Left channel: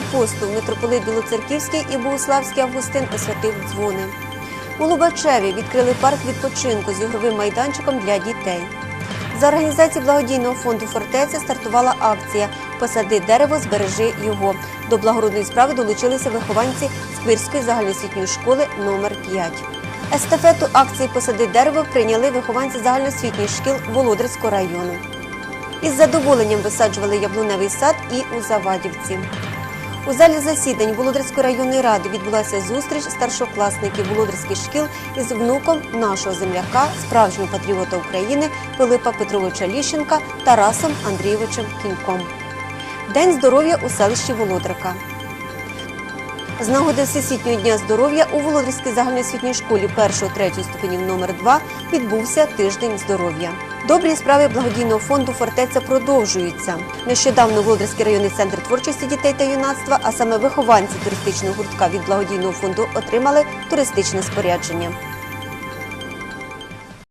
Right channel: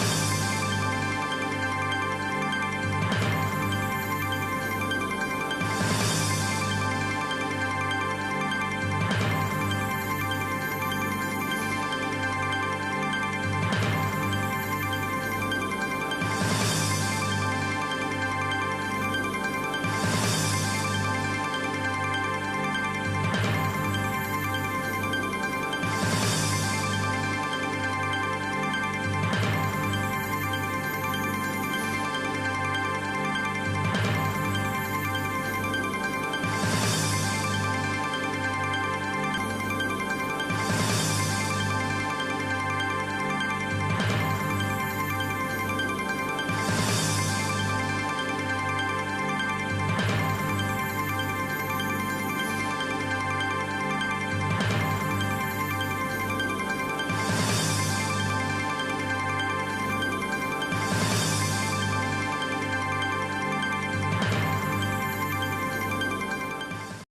апостол, митрополит Білоцерківський і Богославський Августин освятив дзвони. У Лубачеві відкрили парк відпочинку з ігровим майданчиком для дітей. За організації благодійного фонду фортеця стартувала акція Посади дерево, збережи його. До благородної справи долучилися вихованці Сквирської загальноосвітньої школи номер 5 Естафету акції Посади дерево прийняли вихованці загальноосвітніх шкіл Володарського району. Із задоволенням висаджували яблуневий сад і у Завадівці. У залі засідань Володарської районної ради відбулася зустріч старшокласників Володарських шкіл із внуком нашого земляка, справжнього патріота України Пилипа Петровича Ліщенка Тарасом Андрійовичем Кіньком. День здоров'я у селищі Володарка. З нагоди Всесвітнього дня здоров'я у Володарській загальноосвітній школі 1-3 ступенів номер 2 відбувся тиждень здоров'я. Добрі справи благодійного фонду Фортеця продовжуються. Нещодавно Володарський районний центр творчості дітей та юнацтва, а саме вихованці туристичного гуртка від благодійного фонду отримали туристичне спорядження.